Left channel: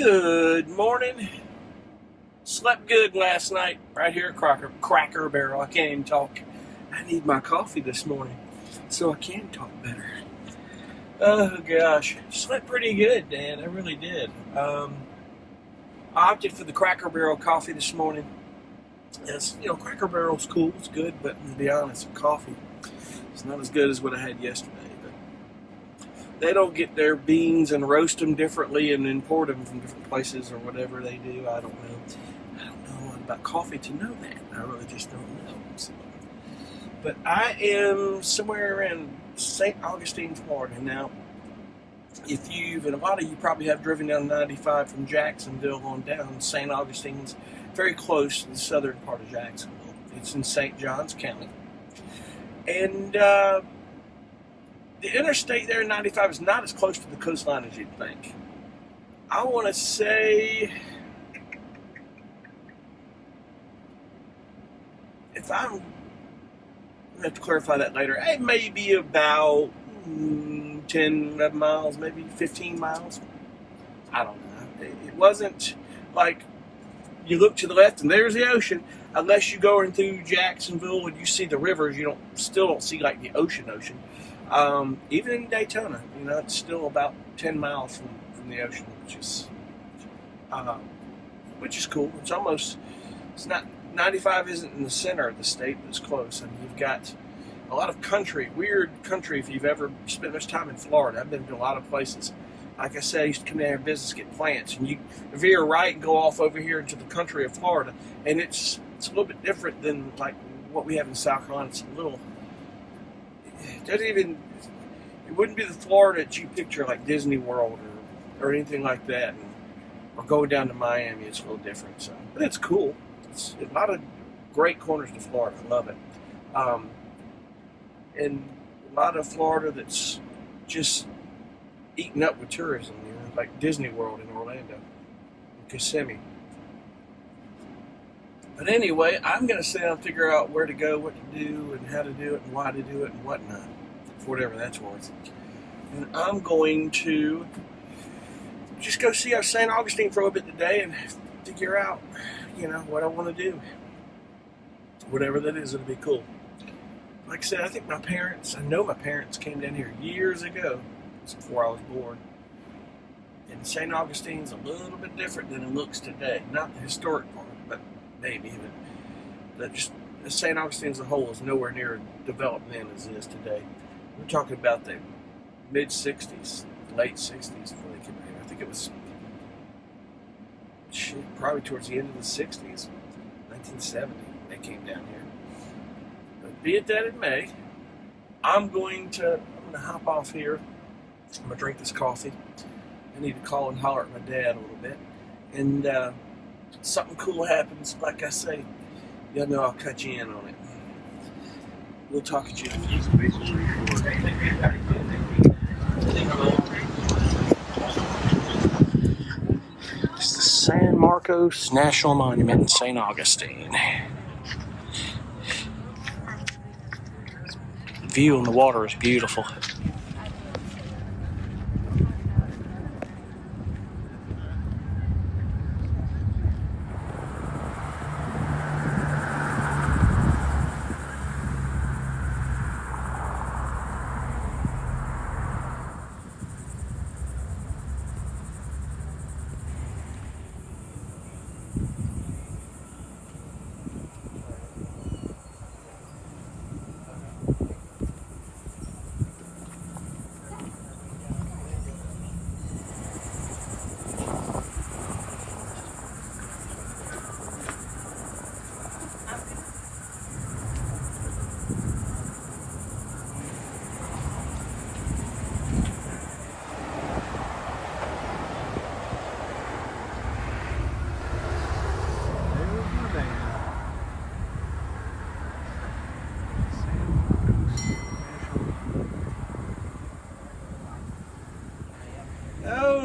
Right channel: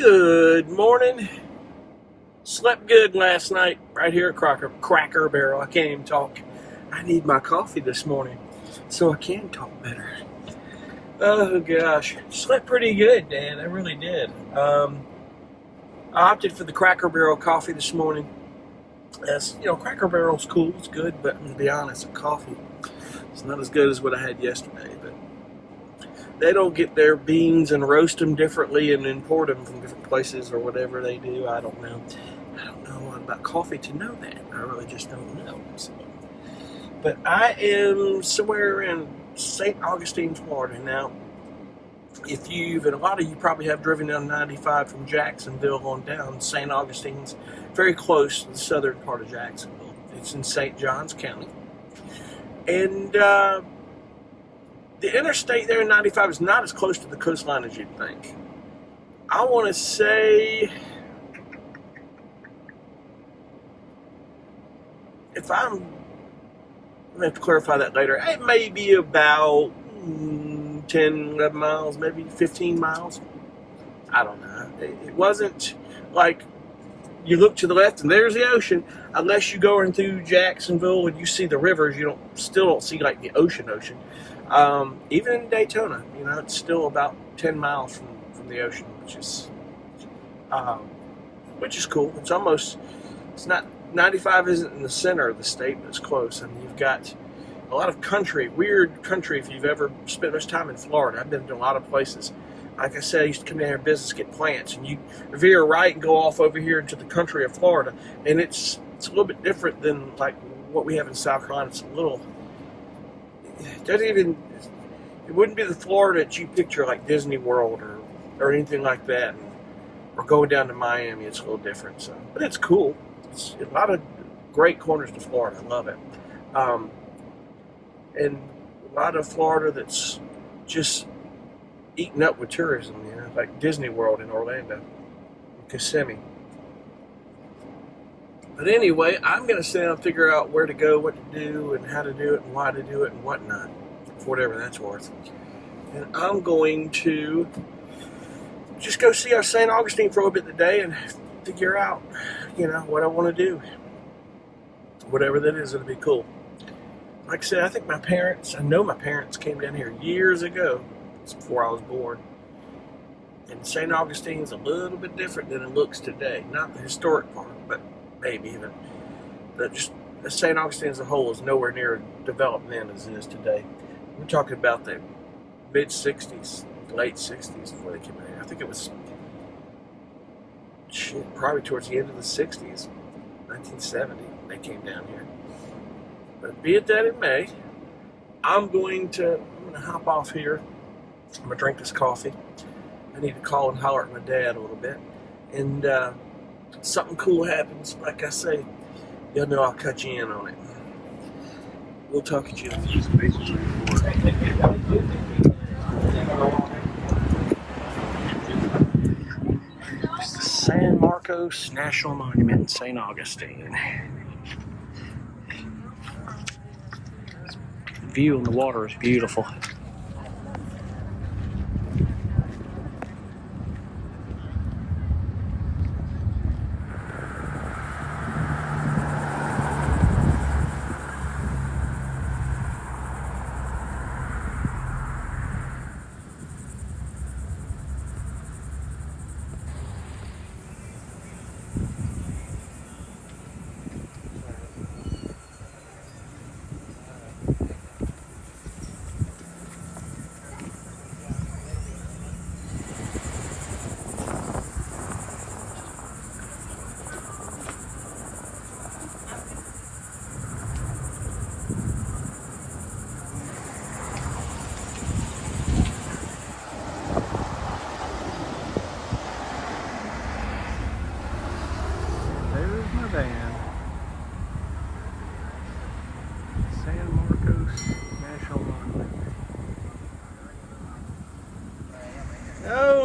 Good morning. Slept good last night right here at Cracker Barrel. I can't even talk. I need my coffee this morning so I can talk better. Oh gosh, slept pretty good, Dan. I really did. I opted for the Cracker Barrel coffee this morning. As you know, Cracker Barrel's cool, it's good, but to be honest, the coffee it's not as good as what I had yesterday. But they don't get their beans and roast them differently and import them from different places or whatever they do. I don't know. I don't know a lot about coffee to know that. I really just don't know. So. But I am somewhere in St. Augustine, Florida. Now, and a lot of you probably have driven down 95 from Jacksonville on down, St. Augustine's very close to the southern part of Jacksonville. It's in St. Johns County. And the interstate there in 95 is not as close to the coastline as you'd think. I want to say, I'm going to have to clarify that later, it may be about 10, 11 miles, maybe 15 miles. I don't know. It wasn't like you look to the left and there's the ocean. Unless you go into Jacksonville and you see the rivers, you still don't see like the ocean. Even in Daytona, it's still about 10 miles from the ocean, which is cool. It's not 95 isn't in the center of the state, but it's close. I mean, you've got a lot of weird country. If you've ever spent much time in Florida, I've been to a lot of places. Like I said, I used to come down here in business, get plants, and you veer right and go off over here into the country of Florida, and it's a little bit different than like what we have in South Carolina. It wouldn't be the Florida that you picture like Disney World or anything like that, or going down to Miami. It's a little different, but it's cool. It's a lot of great corners to Florida. I love it. And a lot of Florida that's just eaten up with tourism, like Disney World in Orlando, Kissimmee. But anyway, I'm going to sit down and figure out where to go, what to do, and how to do it, and why to do it, and whatnot, for whatever that's worth. And I'm going to just go see our St. Augustine for a bit today and figure out, what I want to do. Whatever that is, it'll be cool. Like I said, I know my parents came down here years ago, before I was born. And St. Augustine's a little bit different than it looks today. Not the historic part, but maybe. But just St. Augustine as a whole is nowhere near developed then as it is today. We're talking about the mid-60s, late 60s before they came out here. I think it was probably towards the end of the 60s, 1970, when they came down here. But be it that it may, I'm going to hop off here. I'm going to drink this coffee. I need to call and holler at my dad a little bit. And something cool happens, like I say, y'all know I'll cut you in on it. We'll talk at you. It's the San Marcos National Monument in St. Augustine. The view on the water is beautiful.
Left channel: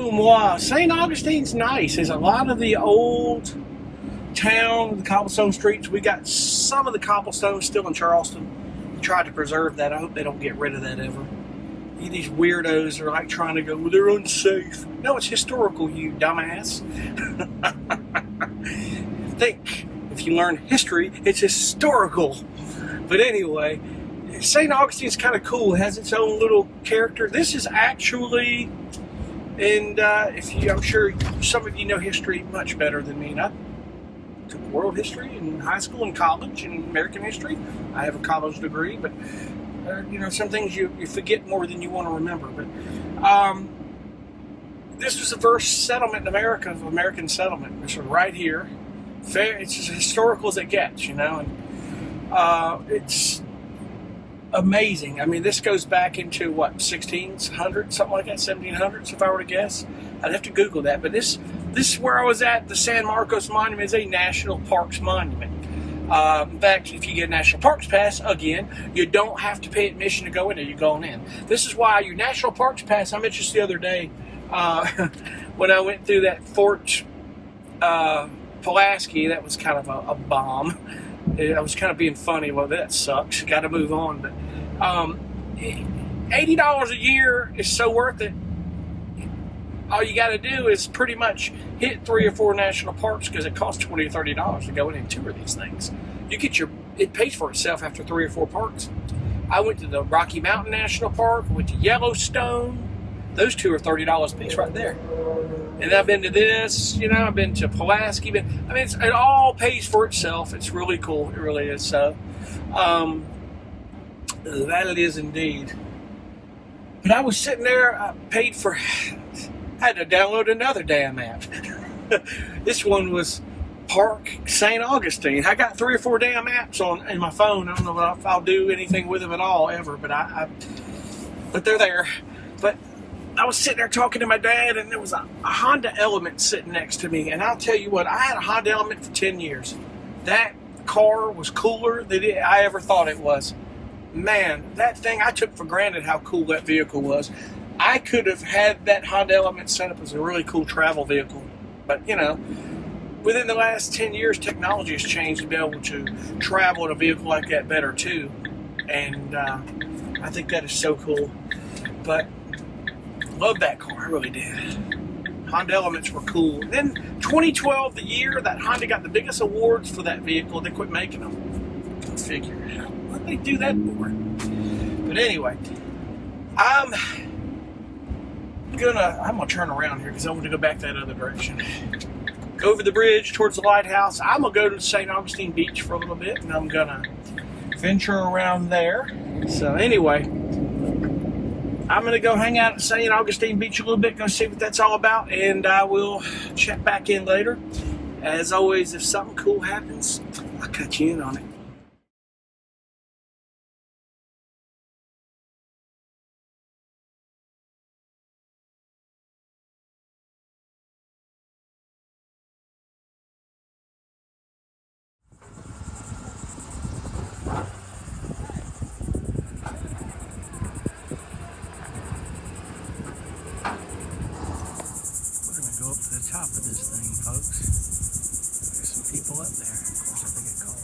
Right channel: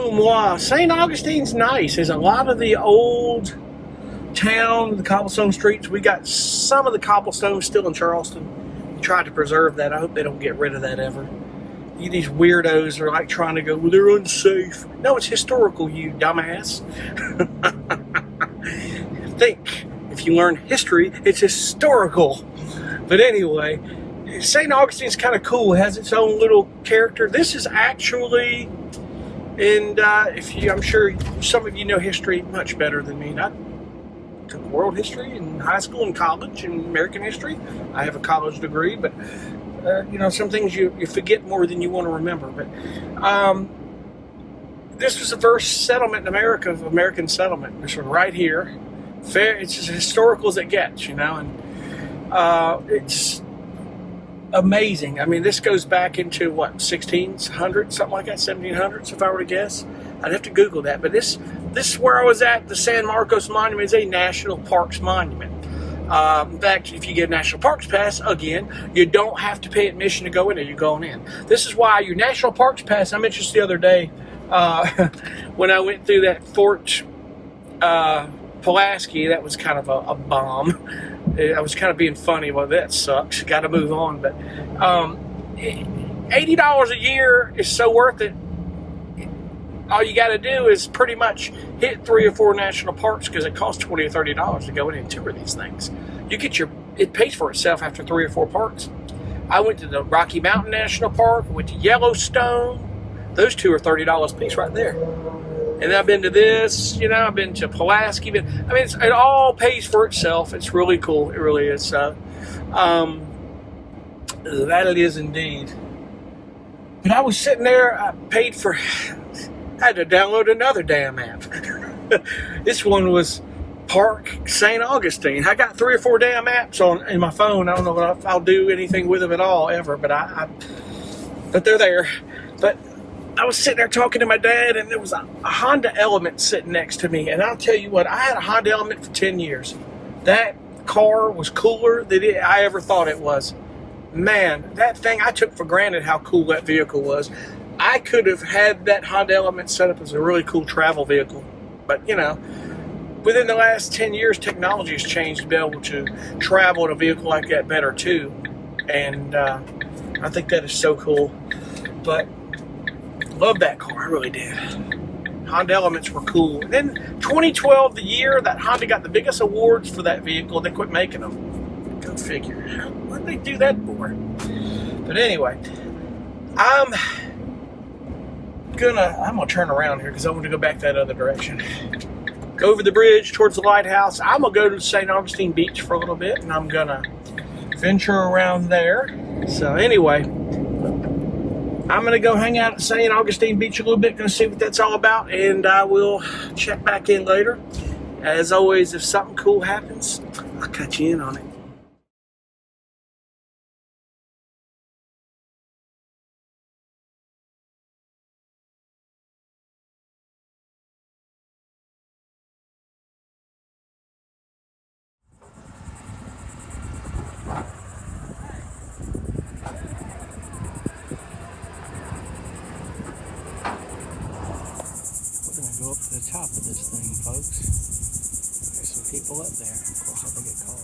Wow, St. Augustine's nice. There's a lot of the old town, the cobblestone streets. We got some of the cobblestone still in Charleston. We tried to preserve that. I hope they don't get rid of that ever. these weirdos are like trying to go, well, they're unsafe. No, it's historical, you dumbass. Think, if you learn history, it's historical. But anyway, St. Augustine's kind of cool. It has its own little character. This is actually, and I'm sure some of you know history much better than me. And I took world history in high school and college and American history. I have a college degree, but some things you forget more than you want to remember. But this was the first settlement in America of American settlement. This was right here. It's as historical as it gets, and it's amazing. I mean, this goes back into what, 1600, something like that, 1700s, if I were to guess. I'd have to Google that. But this is where I was at. The San Marcos Monument is a National Parks Monument. In fact, if you get a National Parks Pass, again, you don't have to pay admission to go in there. You're going in. This is why your National Parks Pass, I mentioned this the other day, when I went through that Fort Pulaski, that was kind of a bomb. I was kind of being funny. Well, that sucks. Got to move on. But $80 a year is so worth it. All you got to do is pretty much hit 3 or 4 national parks, because it costs $20 or $30 to go in and tour these things. It pays for itself after 3 or 4 parks. I went to the Rocky Mountain National Park. I went to Yellowstone. Those 2 are $30 a piece right there. And I've been to this, I've been to Pulaski. It all pays for itself. It's really cool. It really is. So, that it is indeed. But I was sitting there, I had to download another damn app. This one was Park St. Augustine. I got 3 or 4 damn apps in my phone. I don't know if I'll do anything with them at all ever, but but they're there. But I was sitting there talking to my dad, and there was a Honda Element sitting next to me. And I'll tell you what, I had a Honda Element for 10 years. That car was cooler than I ever thought it was. Man, that thing, I took for granted how cool that vehicle was. I could have had that Honda Element set up as a really cool travel vehicle. But, within the last 10 years, technology has changed to be able to travel in a vehicle like that better, too. And I think that is so cool. But love that car, I really did. Honda Elements were cool. Then 2012, the year that Honda got the biggest awards for that vehicle, they quit making them. Go figure. What did they do that for? But anyway, I'm gonna turn around here because I want to go back that other direction. Go over the bridge towards the lighthouse. I'm gonna go to St. Augustine Beach for a little bit, and I'm gonna venture around there. So anyway, I'm going to go hang out at St. Augustine Beach a little bit, go see what that's all about, and I will check back in later. As always, if something cool happens, I'll cut you in on it. Go up to the top of this thing, folks. There's some people up there. Of course, I think it called.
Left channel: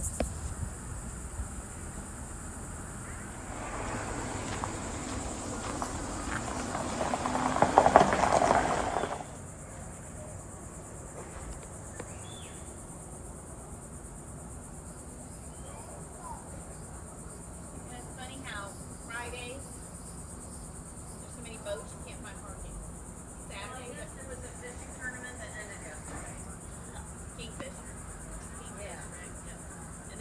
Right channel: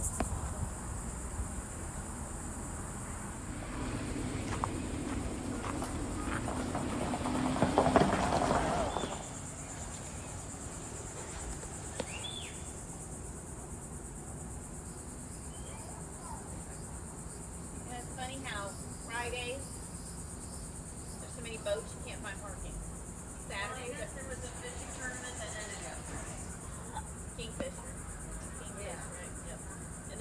Yeah, it's funny how Fridays there's so many boats you can't find parking. Saturdays there was a fishing tournament that ended yesterday. Kingfisher. Right? Yep. And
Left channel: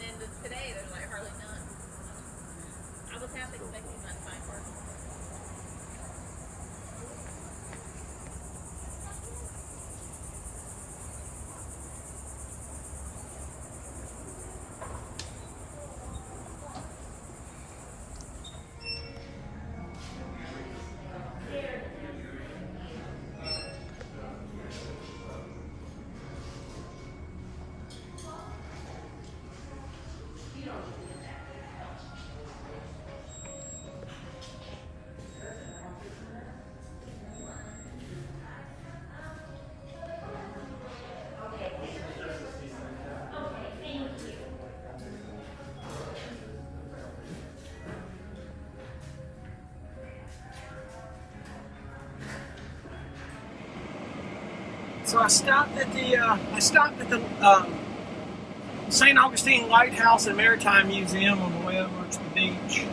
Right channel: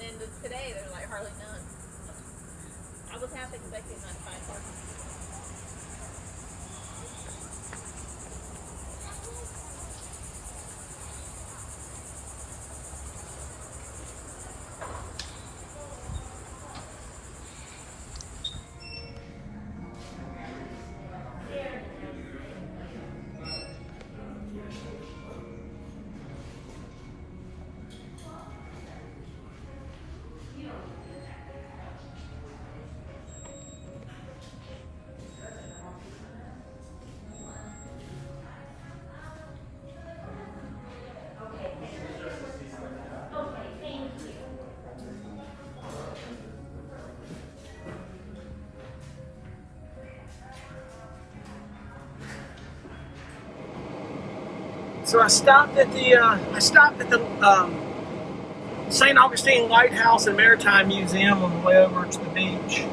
So I stopped at the St. Augustine Lighthouse and Maritime Museum on the way over to the beach,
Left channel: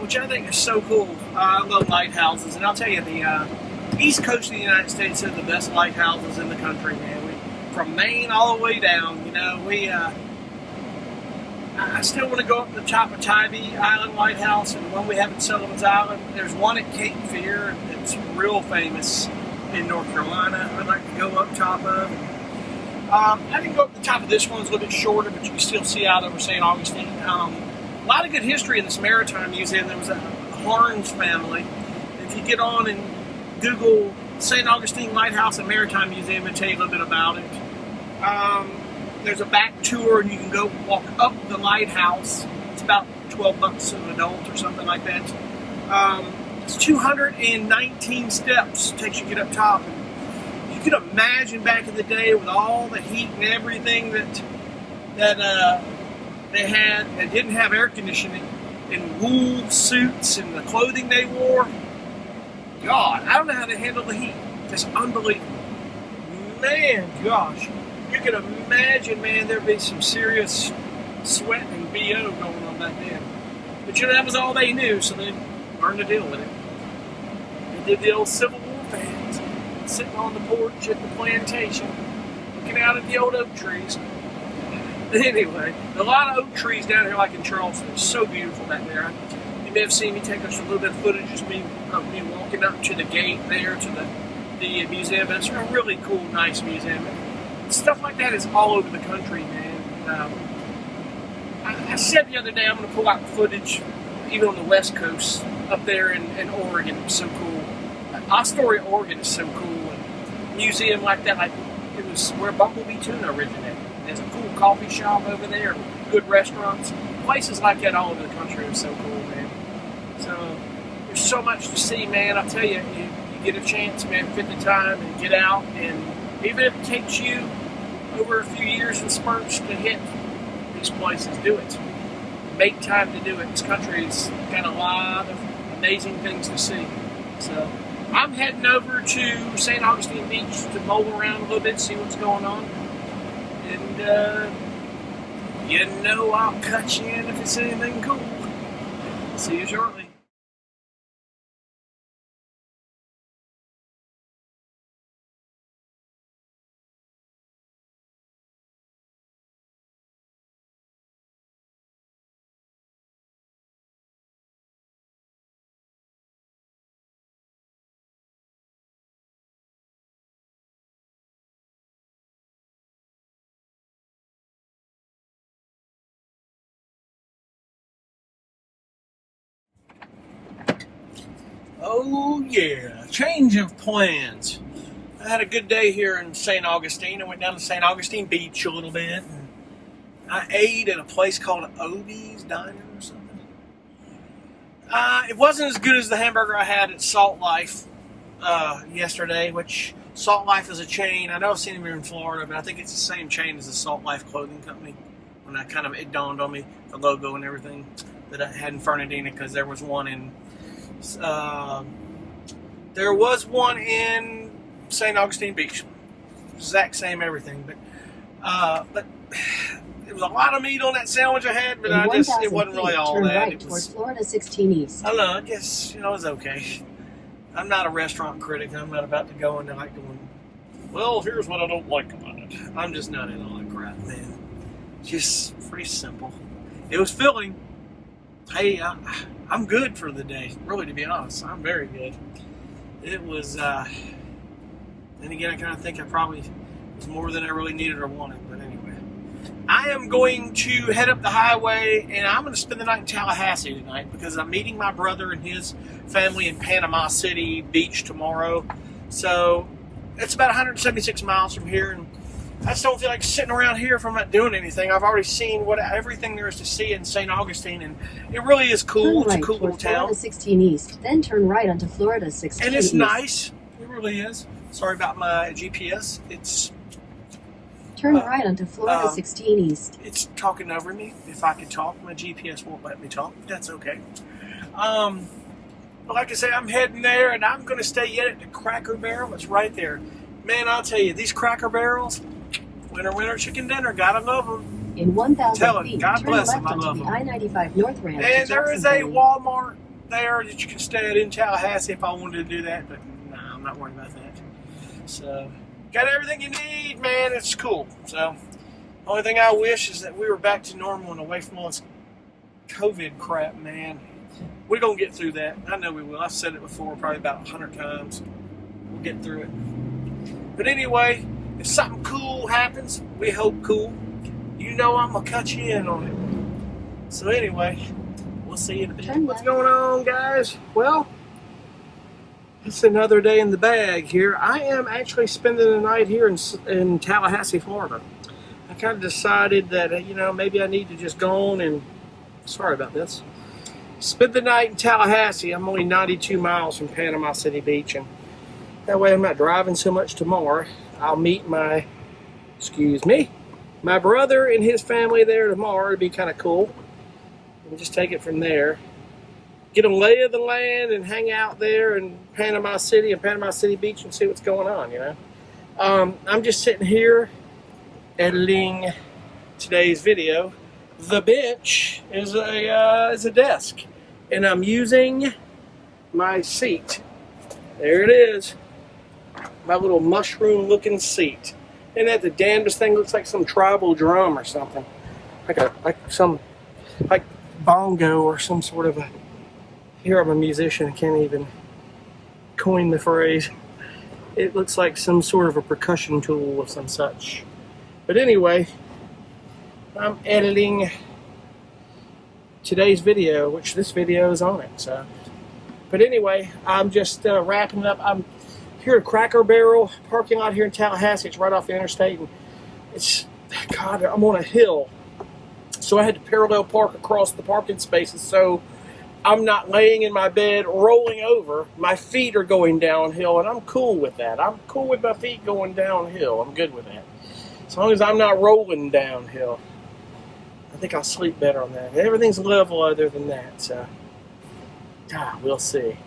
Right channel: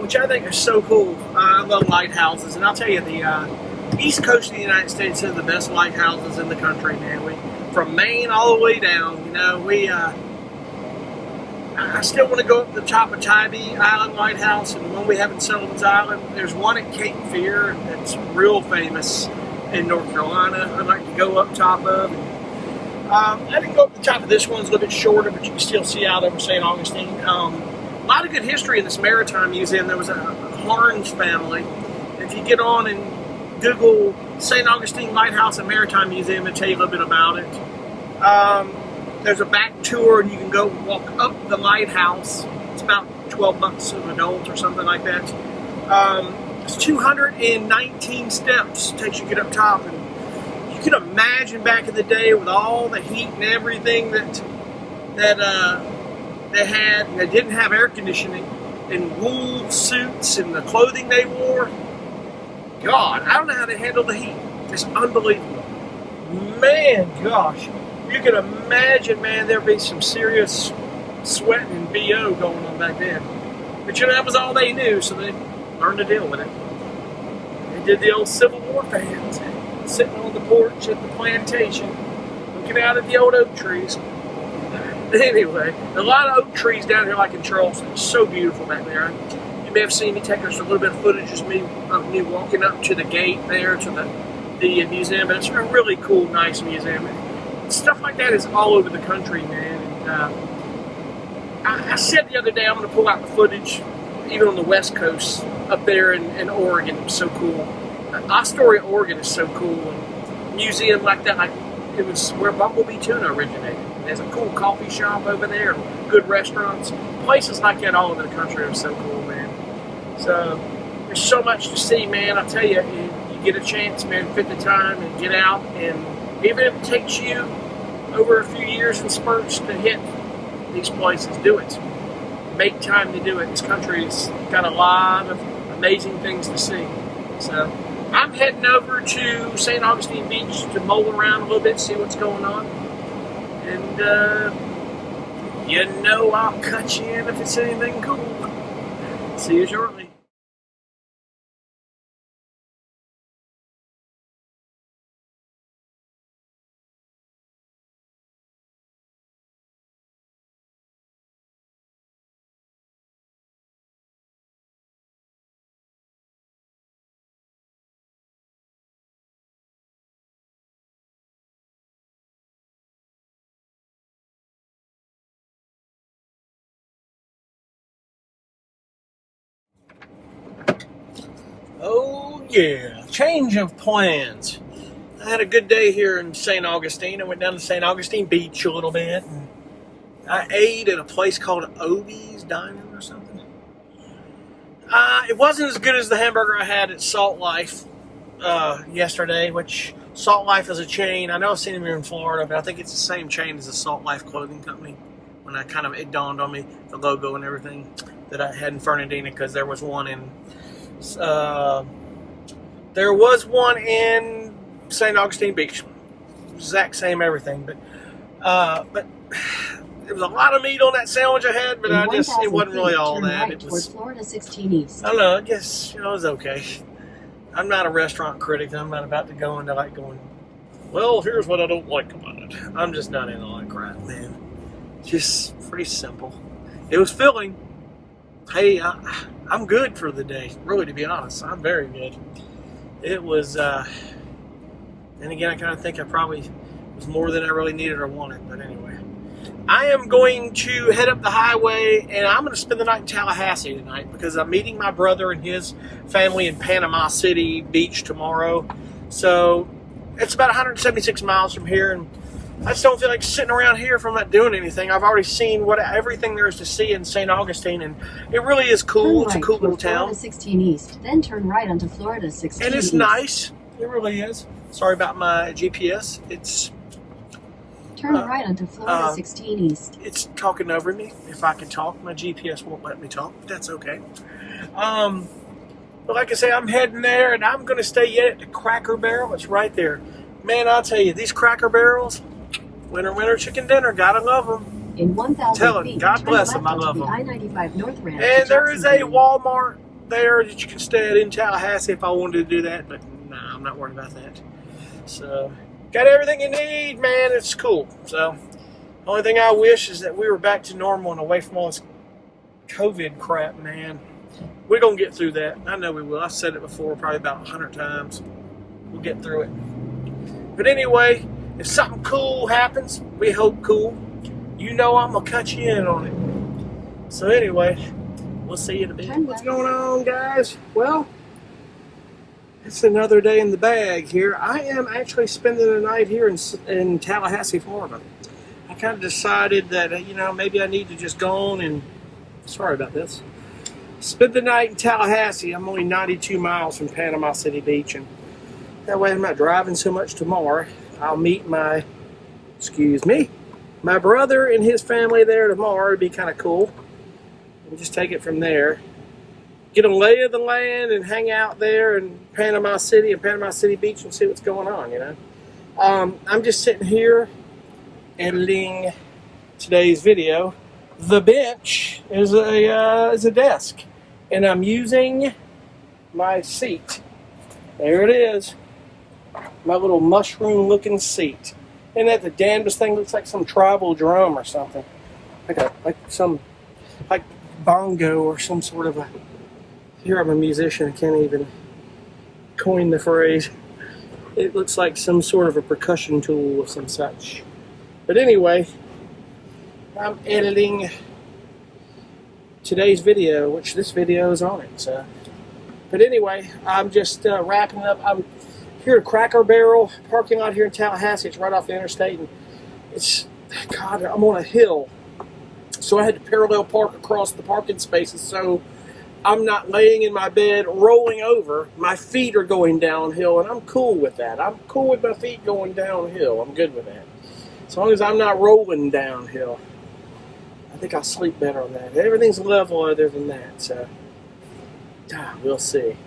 which I think is so cool. I love lighthouses, and I'll tell you, the East Coast of the United States has the best lighthouses in the country, man. From Maine all the way down, I still want to go up the top of Tybee Island Lighthouse, and the one we have in Sullivan's Island. There's one at Cape Fear that's real famous in North Carolina. I'd like to go up top of. I didn't go up the top of this one. It's a little bit shorter, but you can still see out over St. Augustine. A lot of good history in this Maritime Museum. There was a Harns family. If you get on and Google St. Augustine Lighthouse and Maritime Museum, it'll tell you a little bit about it. There's a back tour, and you can go walk up the lighthouse. It's about $12 an adult or something like that. It's 219 steps. It takes you to get up top, and you can imagine back in the day with all the heat and everything that they had. And they didn't have air conditioning, and wool suits and the clothing they wore. God, I don't know how they handled the heat. It's unbelievable. Man, gosh. You can imagine, man, there'd be some serious sweating and BO going on back then. But that was all they knew, so they learned to deal with it. They did the old Civil War fans, sitting on the porch at the plantation, looking out at the old oak trees. Anyway, a lot of oak trees down here, like in Charleston. It's so beautiful back there. You may have seen me take us a little bit of footage of me walking up to the gate there to the museum, but it's a really cool, nice museum. Stuff like that is all over the country, man. And, I said the other day I'm going to pull out the footage, even on the West Coast, up there in Oregon. It's so cool. Astoria, Oregon is so cool. And a museum like that, like it was where Bumblebee Tuna originated. There's a cool coffee shop over there, good restaurants. Places like that all over the country are so cool, man. So there's so much to see, man. I tell you, you get a chance, man, fit the time and get out, and even if it takes you over a few years in spurts to hit these places, do it. Make time to do it. This country's got a lot of amazing things to see. So I'm heading over to St. Augustine Beach to mull around a little bit, see what's going on. And, I'll cut you in if it's anything cool. See you shortly. Oh yeah, change of plans. I had a good day here in St. Augustine. I went down to St. Augustine Beach a little bit. I ate at a place called Obie's Dining or something. It wasn't as good as the hamburger I had at Salt Life yesterday, which Salt Life is a chain. I know I've seen them here in Florida, but I think it's the same chain as the Salt Life clothing company. When it dawned on me, the logo and everything that I had in Fernandina, because there was one in St. Augustine Beach. Exact same everything, but there was a lot of meat on that sandwich I had, but it wasn't really all that. Right, it was Florida 16 East. I don't know. I guess it was okay. I'm not a restaurant critic. I'm not about to go into well, here's what I don't like about it. I'm just not in all that crap, man. Just pretty simple. It was filling. Hey, I'm good for the day. Really, to be honest, I'm very good. It was, and again, I kind of think I probably was more than I really needed or wanted. But anyway, I am going to head up the highway, and I'm going to spend the night in Tallahassee tonight because I'm meeting my brother and his family in Panama City Beach tomorrow. So it's about 176 miles from here, and I just don't feel like sitting around here if I'm not doing anything. I've already seen everything there is to see in St. Augustine, and it really is cool. It's a cool little town. Florida 16 East, then turn right onto Florida 16 and it's East. Nice. It really is. Sorry about my GPS. Turn right onto Florida 16 East. It's talking over me. If I could talk, my GPS won't let me talk. That's okay. But like I say, I'm heading there, and I'm going to stay yet at the Cracker Barrel. It's right there. Man, I'll tell you, these Cracker Barrels, winter chicken dinner, gotta love them. In 1,000 Tell it, feet, God turn bless left them, I onto love the them. I-95 North Ramp And to there is a Jackson County. Walmart there that you can stay at in Tallahassee if I wanted to do that, but nah, I'm not worried about that. So, got everything you need, man. It's cool. So, only thing I wish is that we were back to normal and away from all this COVID crap, man. We're going to get through that. I know we will. I've said it before probably about 100 times. We'll get through it. But anyway, if something cool happens, we hope cool, you know I'm going to cut you in on it. So anyway, we'll see you in a bit. What's going on, guys? Well, it's another day in the bag here. I am actually spending the night here in Tallahassee, Florida. I kind of decided that, you know, maybe I need to just go on and, sorry about this, spend the night in Tallahassee. I'm only 92 miles from Panama City Beach, and that way I'm not driving so much tomorrow. I'll meet my brother and his family there tomorrow. It'd be kind of cool. And just take it from there. Get a lay of the land and hang out there in Panama City and Panama City Beach and see what's going on, you know. I'm just sitting here editing today's video. The bench is a desk, and I'm using my seat. There it is, my little mushroom-looking seat. And that the damnedest thing looks like some tribal drum or something, like bongo or some sort of a. Here I'm a musician. I can't even coin the phrase. It looks like some sort of a percussion tool of some such. But anyway, I'm editing today's video, which this video is on it. So, but anyway, I'm just wrapping up. I'm here at Cracker Barrel parking lot here in Tallahassee. It's right off the interstate, and it's, God, I'm on a hill, so I had to parallel park across the parking spaces. So I'm not laying in my bed rolling over. My feet are going downhill, and I'm cool with that. I'm cool with my feet going downhill. I'm good with that. As long as I'm not rolling downhill, I think I'll sleep better on that. Everything's level other than that, so we'll see.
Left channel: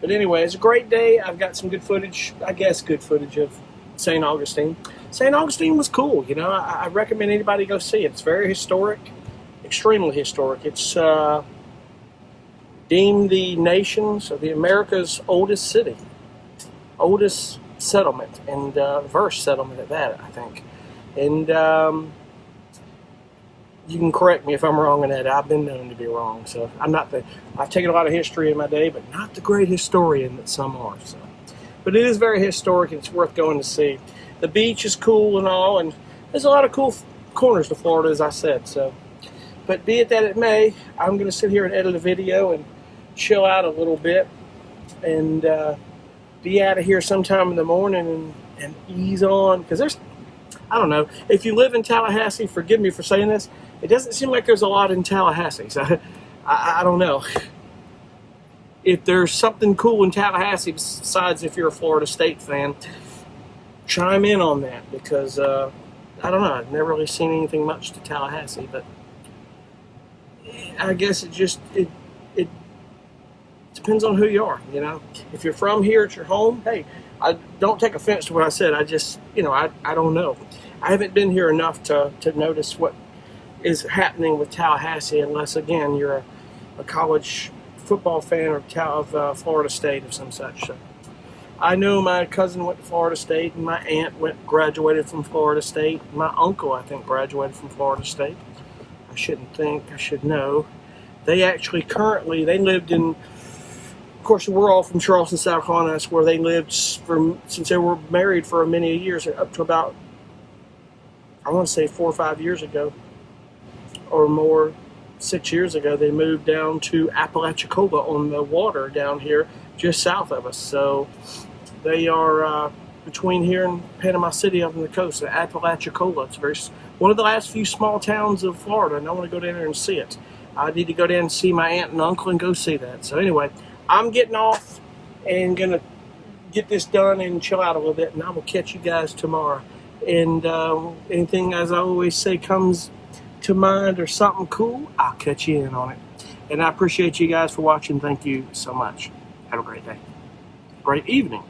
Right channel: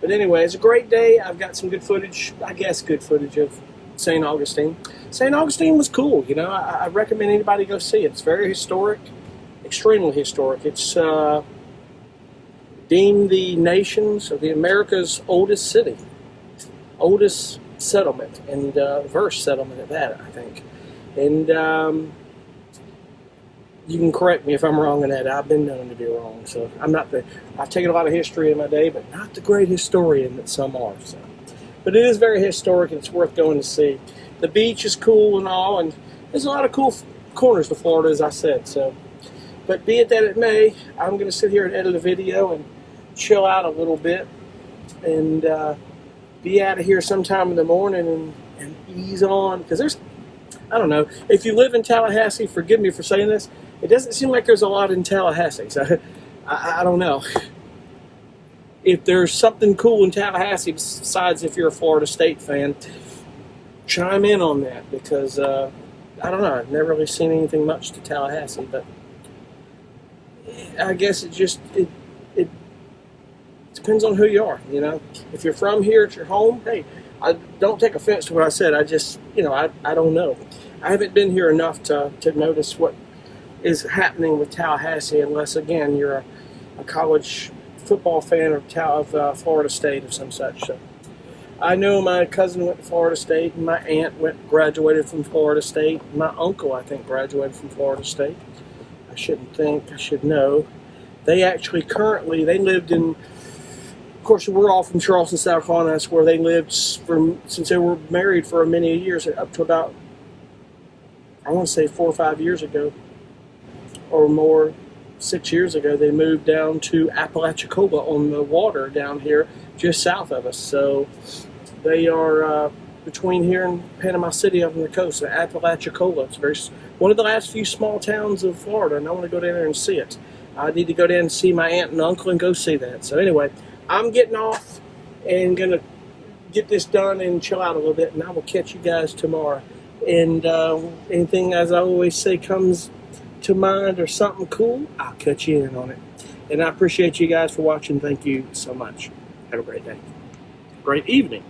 But anyway, it's a great day. I've got some good footage, of St. Augustine. St. Augustine was cool, you know. I recommend anybody go see it. It's very historic, extremely historic. It's deemed the nation's, or the America's oldest city, oldest settlement, and verse settlement at that, I think. And you can correct me if I'm wrong in that. I've been known to be wrong, so I've taken a lot of history in my day, but not the great historian that some are. So, but it is very historic, and it's worth going to see. The beach is cool and all, and there's a lot of cool corners to Florida, as I said. So, but be it that it may, I'm going to sit here and edit a video and chill out a little bit, and be out of here sometime in the morning and ease on, because I don't know, if you live in Tallahassee, forgive me for saying this, it doesn't seem like there's a lot in Tallahassee. So I don't know if there's something cool in Tallahassee besides if you're a Florida State fan. Chime in on that, because I don't know, I've never really seen anything much to Tallahassee, but I guess it depends on who you are, you know. If you're from here, it's your home. Hey, I don't take offense to what I said. I just, you know, I don't know. I haven't been here enough to notice what is happening with Tallahassee, unless, again, you're a college football fan of Florida State or some such. So I know my cousin went to Florida State, and my aunt graduated from Florida State. My uncle, I think, graduated from Florida State. I should know. They actually they lived in, of course, we're all from Charleston, South Carolina. That's where they lived since they were married for many years, up to about, I want to say 4 or 5 years ago, or more, 6 years ago. They moved down to Apalachicola on the water down here, just south of us. So they are between here and Panama City up on the coast, Apalachicola. It's one of the last few small towns of Florida, and I want to go down there and see it. I need to go down and see my aunt and uncle and go see that. So anyway, I'm getting off and going to get this done and chill out a little bit, and I will catch you guys tomorrow. And anything, as I always say, comes to mind or something cool, I'll catch you in on it. And I appreciate you guys for watching. Thank you so much. Have a great day. Great evening.